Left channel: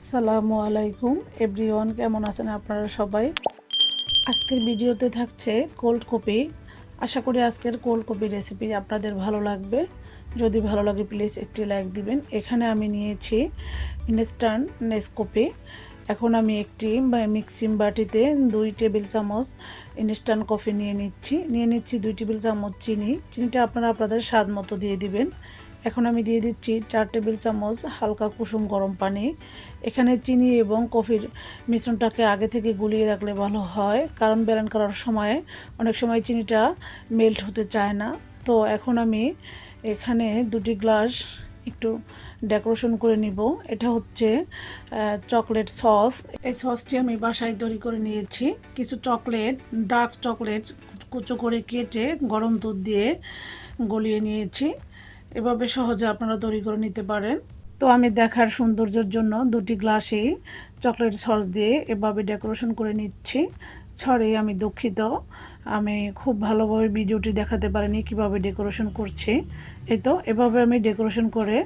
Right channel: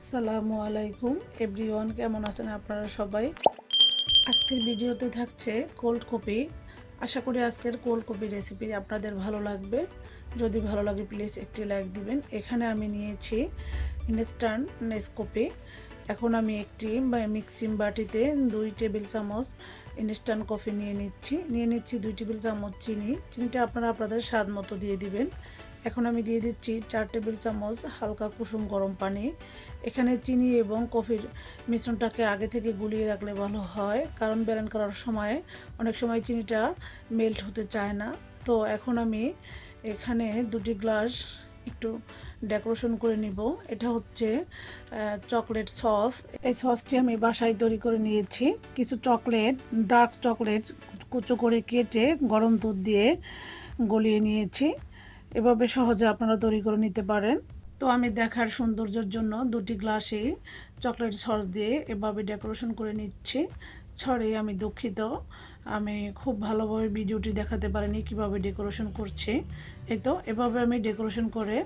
আসসালামু আলাইকুম। এভরিওয়ান, কেমন আছেন আপনারা সবাই? আজকের ভিডিওতে থাকছে কোল্ড কপি। আশা করি আজকের কোল্ড কপি রেসিপি আপনাদের ভালো লাগবে। যদি ভালো লাগে, প্লিজ একটি লাইক দিবেন। এখানে আমি নিয়েছি ইনস্ট্যান্ট নেসকপি। এখন আমি একটি মিক্সিং বাটিতে দুই টেবিল চামচ ইনস্ট্যান্ট কফি নিয়ে নিচ্ছি। নিয়ে নিচ্ছি দুই টেবিল চামচ চিনি। চিনিটা আপনারা আপনাদের স্বাদ মতো দিয়ে দিবেন। এখন আমি দিয়ে দিচ্ছি চার টেবিল চামচ হালকা কুসুম গরম পানি। এখানে চিনি এবং কফির মিশ্রণটাকে আগে থেকে গুলিয়ে রাখলে ভালো হয়, কারণ ব্যালেন্স করার সময় অনেক সময় চিনিটা মেল্ট হতে চায় না। তো এখন আমি এখানে দুটি গ্লাস একটু ডেকোরেশন করে নিব। এটা হচ্ছে চকলেট সস। এই সসটি আমি বাসায় তৈরি করে নিয়েছি। কিছু চকলেট, ডার্ক চকলেট কুচো করে কেটে গরম দুধ দিয়ে গলিয়ে নিয়েছি। এভাবে সহজে আপনারা তৈরি করে নিতে পারেন। তো আমি দেখার সৌন্দর্যের জন্য দুটি গ্লাসেই চকলেট সস দিয়ে এভাবে ডেকোরেশন করে নিচ্ছি। ছড়ে আমি দুঃখিত। আমি খুব ভালোভাবে ভিডিওটি দেখাতে পারিনি কীভাবে ডেকোরেশন করছি। এই তো, এভাবে আমি ডেকোরেশন করে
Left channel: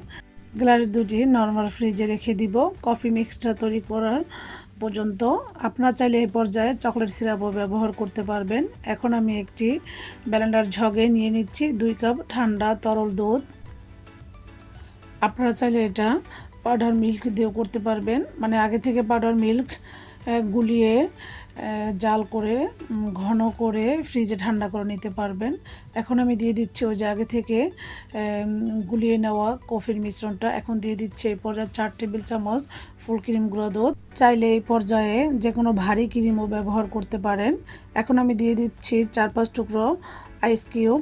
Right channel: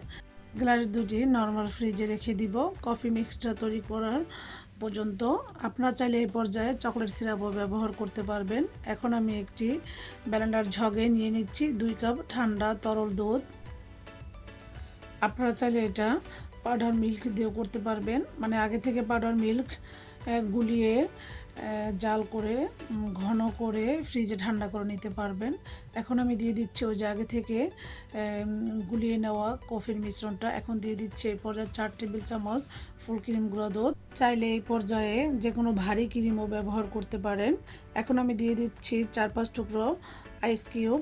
গ্লাস দুটি নর্মাল ফ্রিজে রেখে দিব কফি মিক্সটা তৈরি করার পর্যন্ত। আপনার চাইলে এই পর্যায়ে চকলেট সিরাপও ব্যবহার করতে পারবেন। এখন আমি একটি ব্যালেন্ডার ঝগে নিয়ে নিচ্ছি। দুই কাপ ঠান্ডা তরল দুধ। আপনারা চাইলে এটা পাউডার মিল্ক দিয়েও করতে পারবেন। মানে আগে থেকে পাউডার মিল্ক গুলিয়ে জাল করে ঘন করে ফ্রিজে ঠান্ডা করে নিতে পারবেন। এখন আমি দিয়ে দিচ্ছি ওই যে আগে থেকে গুলিয়ে নেওয়া কফির মিশ্রণটা। এখন দিয়ে দিচ্ছি এই পর্যায়ে চার টেবিল চামচ ফুল ক্রিম গুঁড়ো চাইলে এই পর্যায়ে যে কোনো ভারী ক্রিমও ব্যবহার করতে পারেন। এখন আমি দিয়ে দিচ্ছি চার পাঁচ টুকরো আইস কিউব।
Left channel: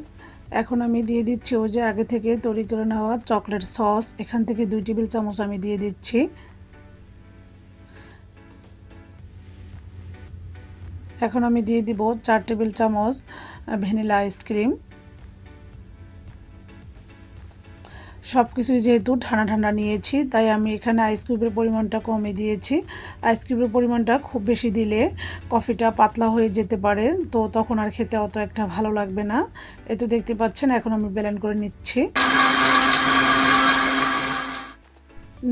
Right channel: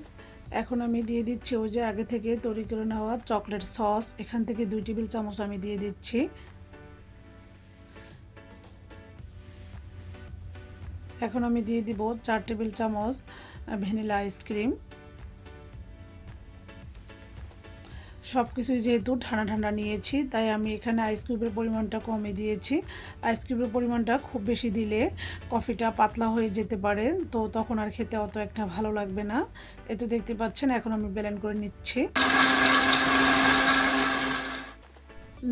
এখন আমি দিয়ে দিচ্ছি ওই যে আগে থেকে তৈরি করে নেওয়া চকলেট সস। এখান থেকে দুই টেবিল চামচ আমি দিয়ে দিচ্ছি। এখন আমি দিয়ে দিব চার টেবিল চামচ ভ্যানিলা আইসক্রিম। সব কিছুই যেহেতু ঠান্ডা ঠান্ডা নিয়েছি, তাই আমি এখানে আইসক্রিমের পরিমাণটা কমে দিয়েছি। আইসক্রিমের পরিমাণটা খুব বেশি দিলে কফিটা পাতলা হয়ে যেতে পারে, তো তখন আর খেতে অত একটা ভালো লাগবে না। এ তো দেখতে পাচ্ছেন, এখন আমি ব্যালেন্ড করে নিচ্ছি।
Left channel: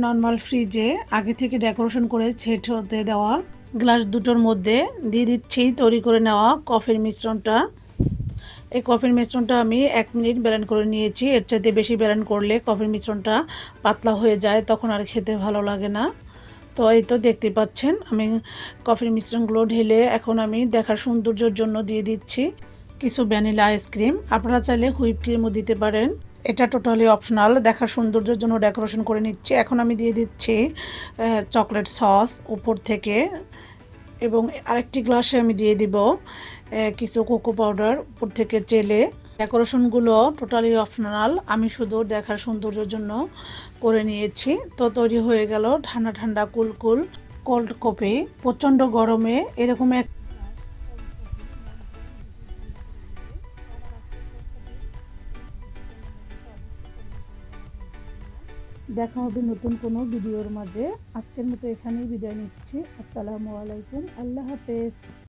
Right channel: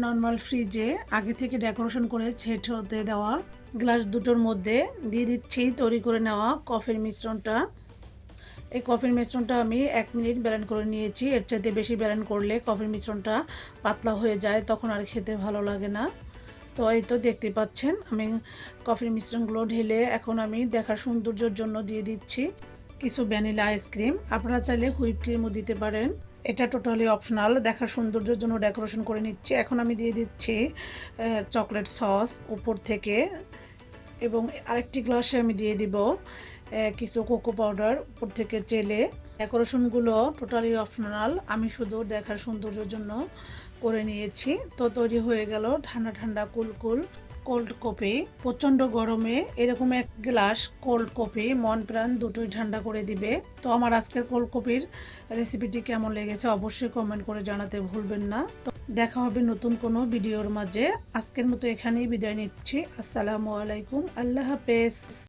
নর্মাল ফ্রিজে আগে থেকে ডেকোরেশন করে ছেট হতে দেওয়া গ্লাস দুটোর মধ্যে দিয়ে দিচ্ছি, তৈরি করে নেওয়া কফির মিশ্রণটা। এই কফির মিশ্রণটা আমি এক মিনিট ব্যালেন্ড করে নিয়েছি। এর চাইতে বেশি ব্যালেন্ড করলে কফির মিশ্রণটা পাতলা হয়ে যায়, তখন আর খেতে ভালো লাগে না। তো এই তো দেখতে পাচ্ছেন, আমি কফির মিশ্রণগুলো ঢেলে এখন আমি দেখার সৌন্দর্যের জন্য দিয়ে দিচ্ছি কিছু ভ্যানিলা আইসক্রিম। আপনারা চাইলে হুইপ ক্রিমও দিতে পারেন। এটা টোটালি অপশনাল, দেখার সৌন্দর্যের জন্য ডেকোরেশন করে নিচ্ছি। এখন আমি দিয়ে দিচ্ছি চকলেট সস উপর থেকে এবং আরেকটি গ্লাসে আমি দিয়ে দিব কিছু কোকো পাউডার উপর থেকে চেলে। ডেকোরেশনগুলো টোটালি অপশনাল আমি শুধু দেখার সৌন্দর্যের জন্য করে নিয়েছি। তো তৈরি হয়ে গেল ঠান্ডা ঠান্ডা কুলকুল কোল্ড কফি প্রচণ্ড গরমে এরকম এক গ্লাস কোল্ড কফি মন প্রাণ দুটোই ঠান্ডা করে দিবে। তো আমার আজকের কোল্ড কফির রেসিপিটি কেমন লেগেছে অবশ্যই কমেন্ট করে জানাতে ভুলবেন না। তো দেখা হবে নতুন কোনো ভিডিওর মাঝে। আজকের মতো এখানেই বিদায় নিচ্ছি। আসসালামু আলাইকুম। আল্লাহ হাফেজ।